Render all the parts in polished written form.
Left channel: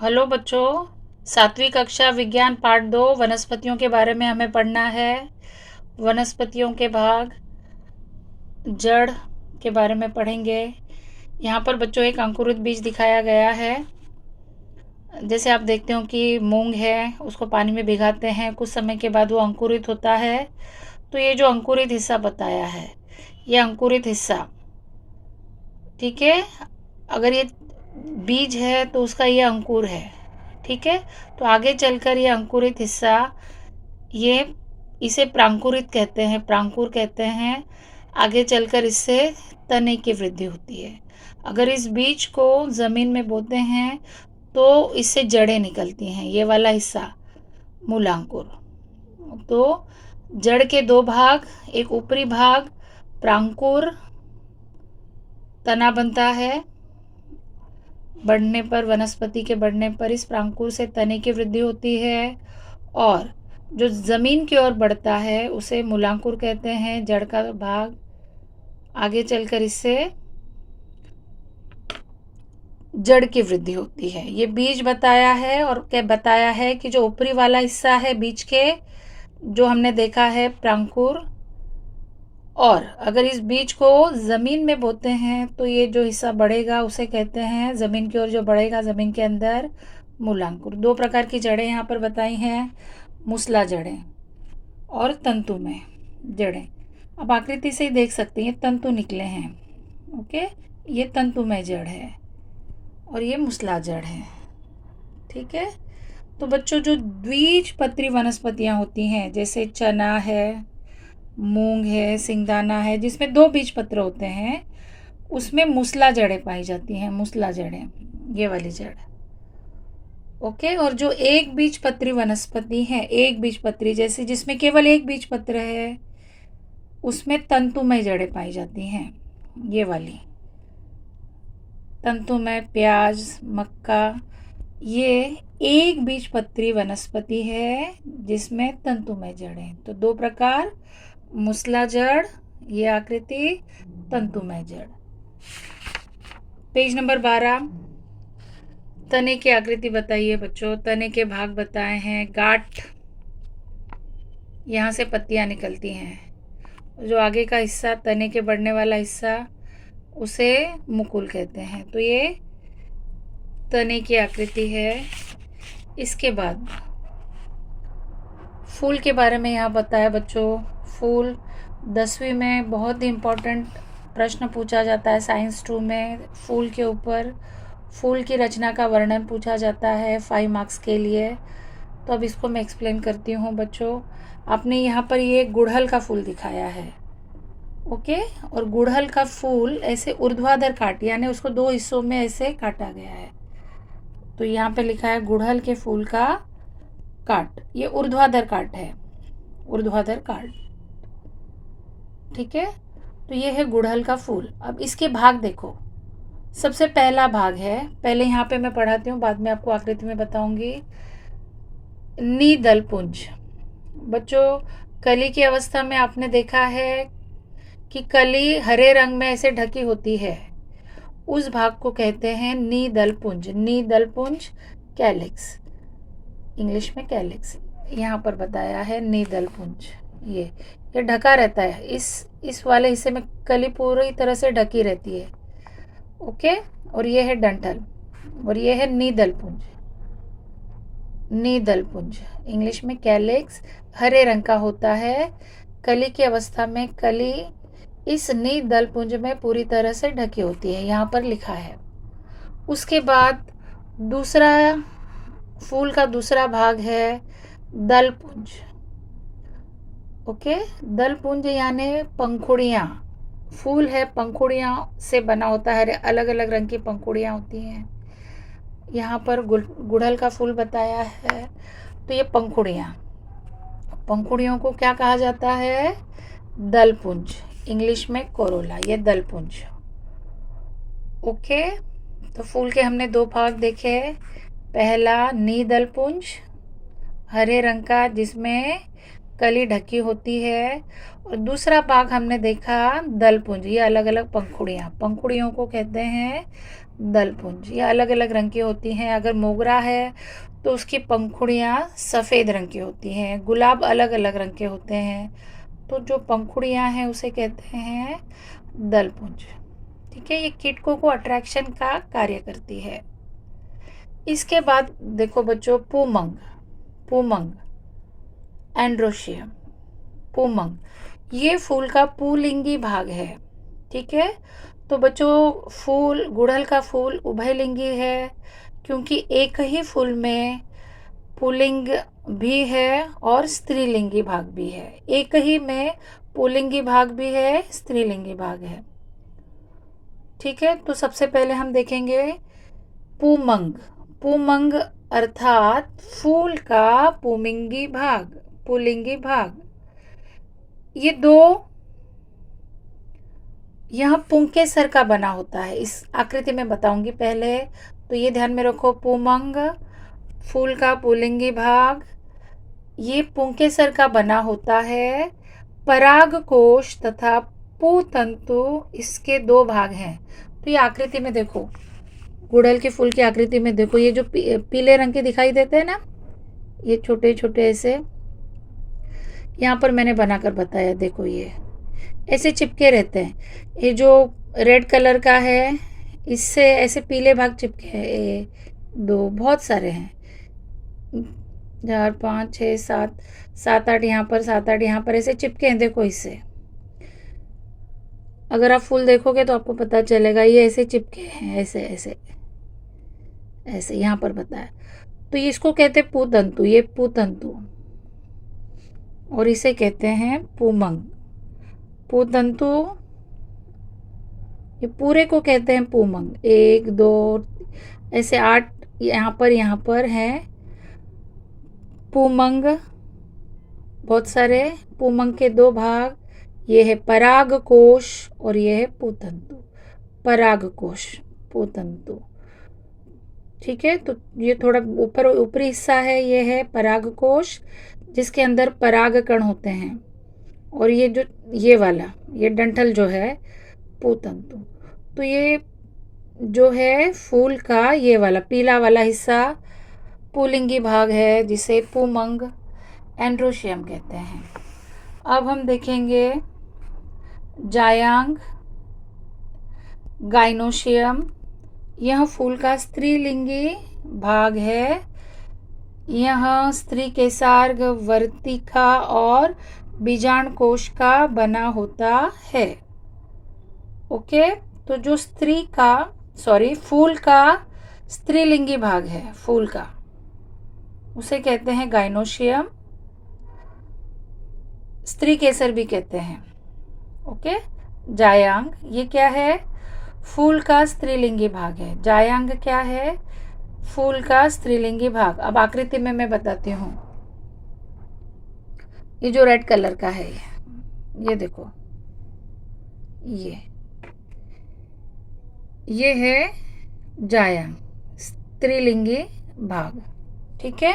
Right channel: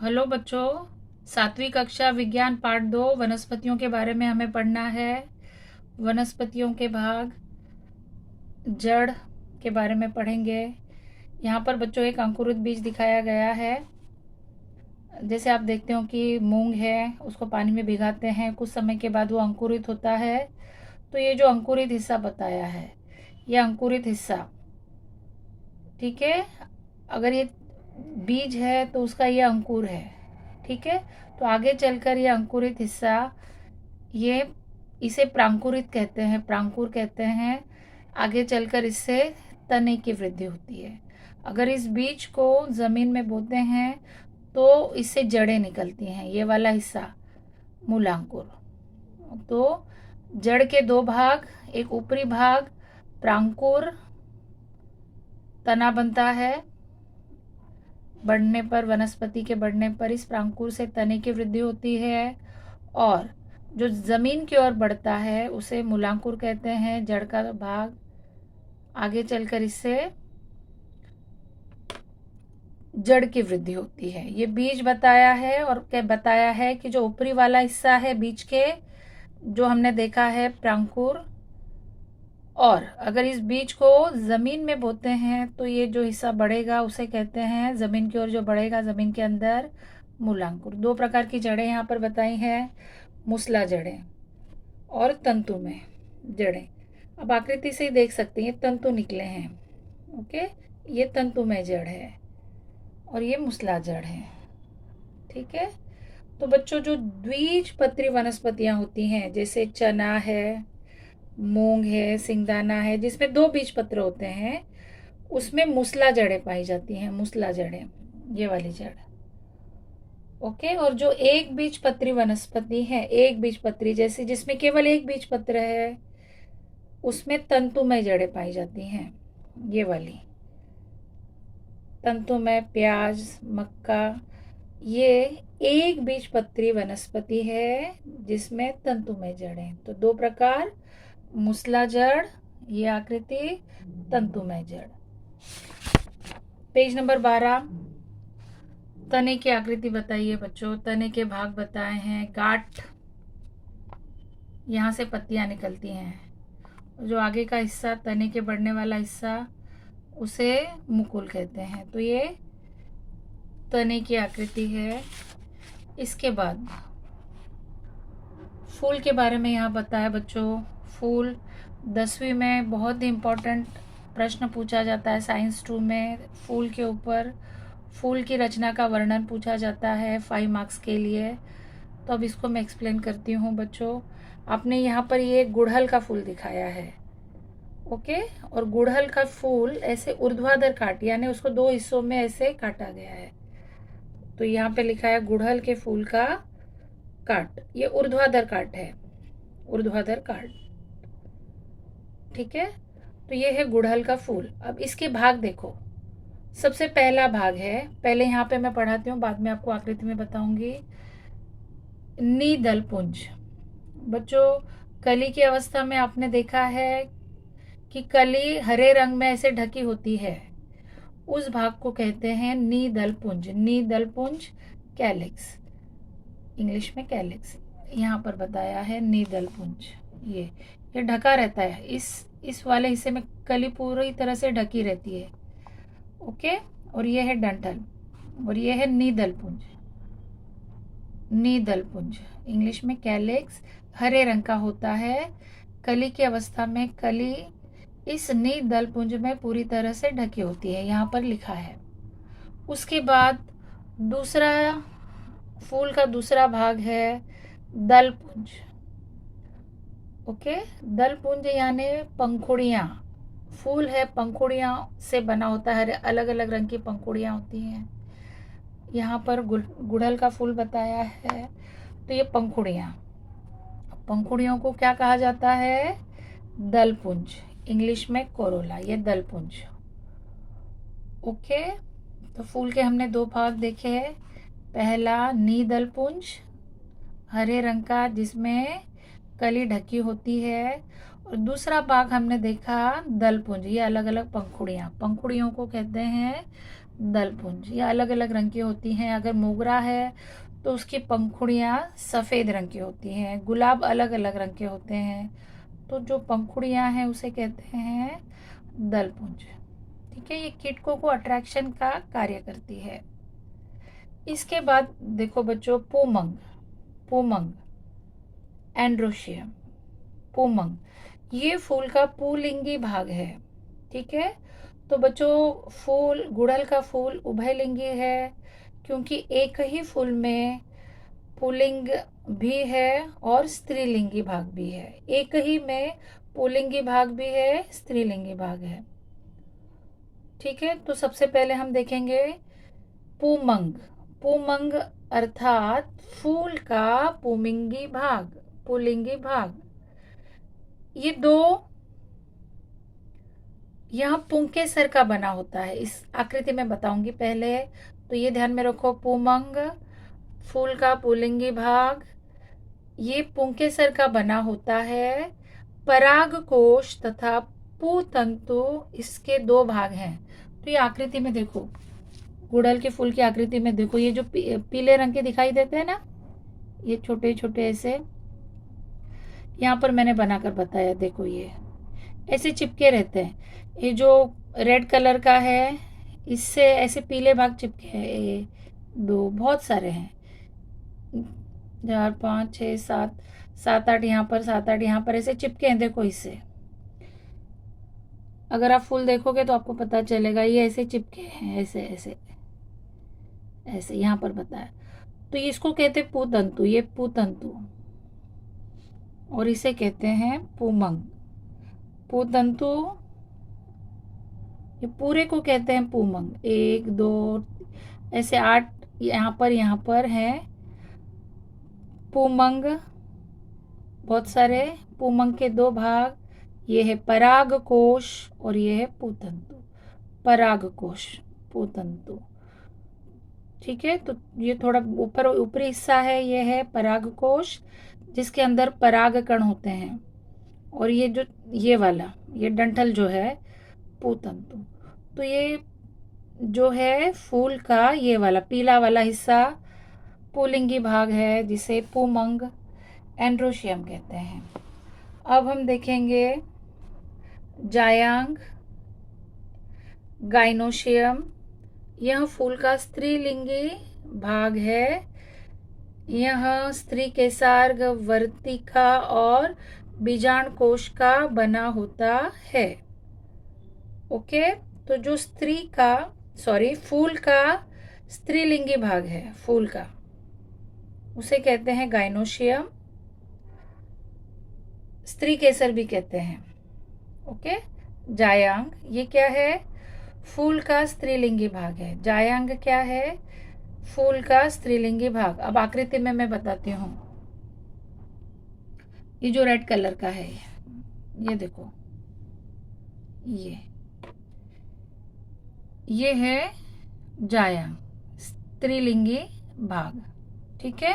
Hello बच्चों, 7वीं कक्षा विज्ञान पाठ 2 वनस्पतियों के बारे में हमें पढ़ना है। वनस्पतियों के भाग जड़ के बारे में पढ़ेंगे। यहाँ पर बच्चों एक अंकुरित बीज दिखाया गया है। जैसे आप देखते हो कि मूंग है, उसको पानी में भिगाते हैं, कुछ समय के बाद वो अंकुरित होता है। तो ये जो अंकुरित हिस्सा बताया है, ये अंकुरित हिस्सा, ठीक है। अगर ये बीज है तो उसका ये अंकुर है, ठीक है। तो आगे चलकर ये अंकुरित हिस्सा, ये इसे प्रांकुरित कहते हैं, प्रांकुर कहते हैं। आगे चलकर इससे तने की वृद्धि होती है। अगर इस बीज को ज़मीन में बोते हैं तो इससे जड़ें निकलती हैं, ये वाला हिस्सा मूलांकुर। तो जड़ के दो भाग, एक ऊपरी भाग प्रांकुर तना बनता है। बढ़ने पर, वनस्पति के बढ़ने पर इस प्रांकुर से तने की वृद्धि होती है, और जो ज़मीन की ओर बढ़ता है उसे मूलांकुर कहते हैं, जड़ का भाग। आगे चलकर इससे जड़ की वृद्धि होती है। ये बीज बताया है, और क्या बताया है कि जो ऊपरी वाला हिस्सा है बीज के, जो हमने देखा है प्रांकुर, और अगर इस बीज को ज़मीन में बोते हैं तो ये जो हिस्सा बढ़ेगा उसे कहते हैं, ज़मीन की ओर जो बढ़ेगा ज़मीन के अंदर, मूलांकुर। दो प्रकार की जड़ें यहाँ पर बताई हैं, मूसला जड़ें और तंतुमय जड़ें। अब आकृति से ही देख सकते हैं, ये तंतु निकले हैं, ओके। ये तंतुमय जड़ है और ये मूसला जड़ है, ठीक है। तो बच्चों, जो द्विबीजपत्री वनस्पतियाँ होती हैं, जैसे चना है, मूंग है, सिंगदाना है, जिसमें 2 बीज पत्र होते हैं, उसमें मूसला जड़ें पाई जाती हैं, मूसला जड़ें, ये वाली जड़, ओके। और जो एक बीजपत्री वनस्पति है, एक बीजपत्री जैसे जिसमें केवल एक बीज पत्र है, उसमें तंतुमय जड़ें पाई जाती हैं, ये वाली तंतुमय। प्याज, मक्का, ये एक बीजपत्री वनस्पति है जिसमें तंतुमय जड़ें। तो दो प्रकार, मूसला जड़, ये आकृति, तंतुमय जड़। पेज नंबर 12, तने की आकृति बताइए बच्चों। तने के भाग बताए हैं, गांठ, यहाँ से पत्तियाँ निकलती हैं। जो आगे का हिस्सा, तने के बढ़ने वाला हिस्सा, उसे मुकुल कहते हैं। तो ये तने की आकृति है। इसके बाद फूल के बारे में यहाँ बताया बच्चों। फूल 10वीं में बहुत ही इम्पोर्टेंट प्रश्न पूछा जाता है, साइंस 2 में। फूल के ऊपर फूल की रचना का वर्णन पूछा जाता है 5 मार्क्स के लिए। तो अब इसको मैं एक्सप्लेन करती हूँ बच्चों। आपने यहाँ पर ये गुड़हल का फूल दिखाया है, ओके। और गुड़हल का फूल ऐसे ऊर्ध्वाधर काट, यानी उसको 2 हिस्सों में ऐसे काटा गया है। तो यहाँ पे लिखा है गुड़हल के फूल का काट, ये ऊर्ध्वाधर काट है, ऊर्ध्वाधर काट, ठीक है। तो ये है गुड़हल का फूल। अब इसके भाग देखो। सबसे पहला भाग है, पहले यहाँ पे मैं पढ़ाती हूँ, बाद में आपको आकृति में बताऊंगी। निदल पुंज। बच्चों, कली की अवस्था में आपने देखा है कि कली हरे रंग में ऐसे ढकी होती है, उस भाग को कहते हैं निदल पुंज। निदल पुंज, कैलिक्स, इंग्लिश में कैलिक्स, यहाँ पर बताया है निदल पुंज। ये ढका रहता है, इस वाले हिस्से में कली पूरी तरह से ढकी रहती है, ओके। और ये है डंठल, और ये है निदल पुंज। निदल पुंज, इंग्लिश में कैलिक्स, हरे रंग का होता है। कली की अवस्था में कली इस निदल पुंज में पूरी तरह से ढकी होती है, यहाँ पर लिखा है। उसके बाद दूसरा, फूल का दूसरा भाग है दल पुंज, ओके। दल पुंज यानी पंखुड़ियाँ। फूल है, पंखुड़ियाँ से बना होता है, अलग अलग रंग की पंखुड़ियाँ होती हैं। यहाँ पर गुड़हल का फूल बताया है, तो ये पंखुड़ियाँ, पंखुड़ियों को क्या कहा जाता है? दल पुंज, इंग्लिश में कोरोला, ये दल पुंज, ओके। तो फूल के हमने 2 भाग देखे। पहला निदल पुंज, हरे रंग का, जिसमें कली ढकी होती है। और दूसरा भाग हमने देखा दल पुंज, ये अलग अलग पंखुड़ियाँ, पंखुड़ियों को कहते हैं दलपुंज। ये अलग अलग रंग की होती हैं। अगर मोगरा है तो उसकी पंखुड़ियाँ सफ़ेद रंग की होती हैं। गुलाब अलग अलग रंग के होते हैं, तो जो पंखुड़ियाँ हैं उसे कहते हैं दलपुंज। ठीक है, ये कीटकों को अट्रैक्शन का कार्य करती है। इसके बाद देखो बच्चों, पूमंग, पूमंग, एंड्रोशियम, पूमंग, ये फूल का पुल्लिंगी भाग है। ठीक है, तो बच्चों फूल, गुड़हल का फूल उभयलिंगी है, क्योंकि एक ही फूल में पुल्लिंग भी है और स्त्रीलिंगी भाग भी है। एक ही में पुल्लिंगी भाग भी है, स्त्रीलिंगी भाग है। ठीक है, तो सबसे पहले हम देखेंगे पूमंग। पूमंग अर्थात फूल का पुमिंगी भाग, पुल्लिंगी भाग। ये दो यहाँ पुंके सर का बना होता है। इस आकृति में बताऊंगी पहले, तो ये ध्यान में रखो, पूमंग फूल का पुल्लिंगी भाग, ये पुंके सर का बना होता है। परागकोश तथा पुतंतु इसके दो भाग हैं। तो ये आकृति में देखो, गुड़हल के फूल की आकृति में देखो, ये जो पीले रंग के दिखाई देते हैं ना, ये छोटे छोटे ऐसे, यहाँ पर मैंने बनाकर बताया, देखो ये ऐसे चिपके रहते हैं। ये जो रेड कलर का है, इससे ऐसे पीले भाग चिपके हैं। ये दो, बहुत सारे हैं, 4 5 6 7 7 8 यहाँ पर, 7 8 यहाँ पर ऐसे चिपके हैं। देखो इससे अगर आप फूल देखोगे तो आपको पता चलेगा, ये ऐसे चिपके हैं, ऐसे ऐसे ऐसे यहाँ पर बताया। तो इसको कहते हैं पुतंतु, ये पुतंतु, और इसे कहते हैं पूमंग। पुतंतु, ये पूरे को कहते हैं पूमंग। 1 2 ऐसे 8 यहाँ पर है पूमंग, बहुत सारे पूमंग के दो भाग। ये है परागकोश और ये है पुतंतु, परागकोश, पुतंतु। ठीक है, तो ये थोड़ा ऊपर ऊपरी हिस्सा है, ये है परागकोश जिसके अंदर परागकण होते हैं, और ये जो ये वाला, ये डंठल जो है पुतंतु। तो ये जो है फूल का ये वाला पीला वाला हिस्सा पुल्लिंगी भाग है, जिसे पूमंग एंड्रोशियम कहते हैं। अब हम देखेंगे जायांग, गाइनोशियम। यह फूल का स्त्रीलिंगी भाग है। यह स्त्री केसार्ग, वर्तिका और बीजांडकोश का बना होता है। ओके, तो जो फूल का स्त्रीलिंगी भाग है, फूल का, उसे कहते हैं गाइनोशियम, स्त्री केसर भी कहते हैं। ओके, जायांग ये क्या है? फूल का स्त्रीलिंगी भाग है। जायांग क्या है? फूल का स्त्रीलिंगी भाग। अब आकृति में मैं बताती हूँ। ये जो रेड कलर का है, ये देखो, ये है जायांग, स्त्रीलिंगी भाग। ठीक है,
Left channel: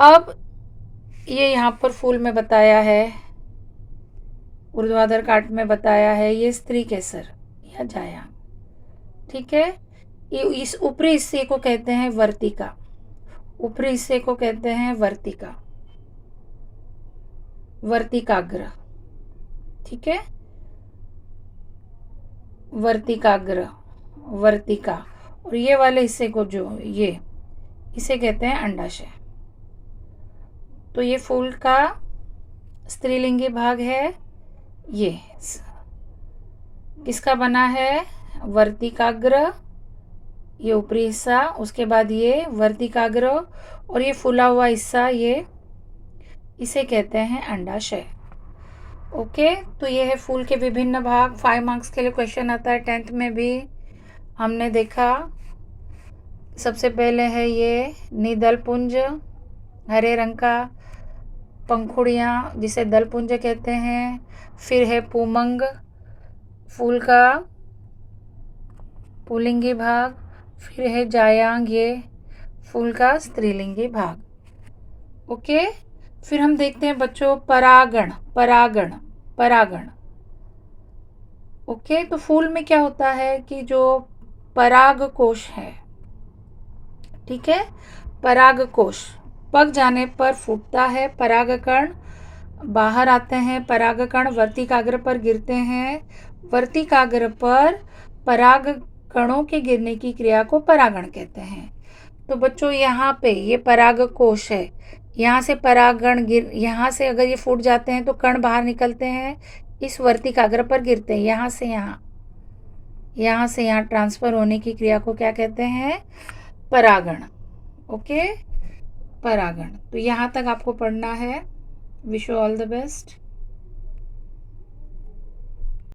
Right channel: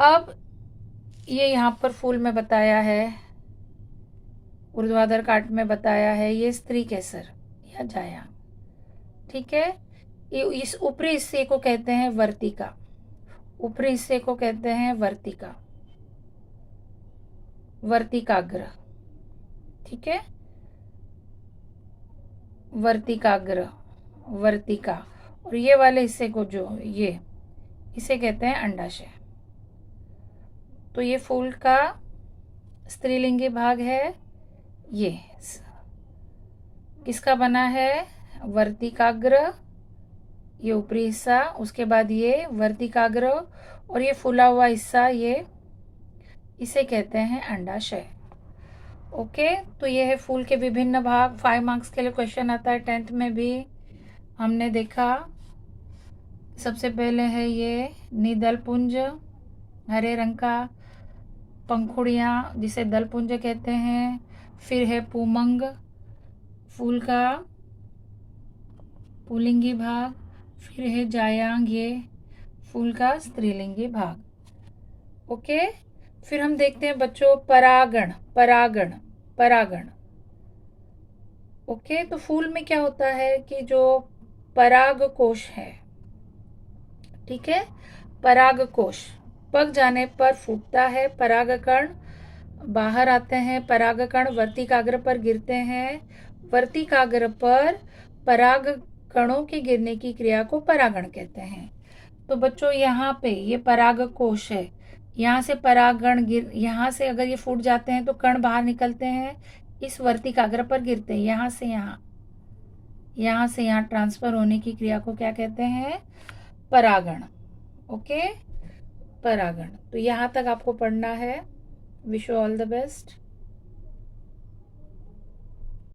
अब ये यहाँ पर फूल में बताया है, ऊर्ध्वाधर काट में बताया है, ये स्त्री केसर या जायांग। ठीक है, ये इस ऊपरी हिस्से को कहते हैं वर्तिका, ऊपरी हिस्से को कहते हैं वर्तिका, वर्तिकाग्र। ठीक है, वर्तिकाग्र, वर्तिका। और ये वाले हिस्से को जो ये, इसे कहते हैं अंडाशय। तो ये फूल का स्त्रीलिंगी भाग है। ये किसका बना है? वर्तिकाग्र, ये ऊपरी हिस्सा, उसके बाद ये वर्तिकाग्र, और ये फूला हुआ हिस्सा, ये इसे कहते हैं अंडाशय। ओके, तो ये है फूल के विभिन्न भाग। 5 मार्क्स के लिए क्वेश्चन आता है 10th में भी। हमने देखा सबसे पहले है ये निदलपुंज, हरे रंग का, पंखुड़ियाँ जिसे दलपुंज कहते हैं। फिर है पूमंग, फूल का पुल्लिंगी भाग। फिर है जायांग, ये फूल का स्त्रीलिंगी भाग। ओके, फिर हम देखते हैं बच्चों परागण, परागण, परागण। ओके, तो फूल में क्या होता है कि जो परागकोश है। ठीक है, परागकोश पक जाने पर फूटता है, परागकण बाहर आते हैं, परागकण वर्तिकाग्र पर गिरते हैं, वर्तिकाग्र पर पराग कणों के गिरने की क्रिया को परागण कहते हैं। तो बच्चों यहाँ पे ये परागकोश है, यहाँ से परागण यहाँ से अगर ये फूट जाते हैं तो कण बाहर निकलते हैं, इस वर्तिकाग्र पर गिरते हैं, यहाँ से यहाँ ट्रांसफर होने की क्रिया को क्या कहते हैं? परागण। ओके, परागण। तो यहाँ तक आपको पढ़ना है। Wish you all the best.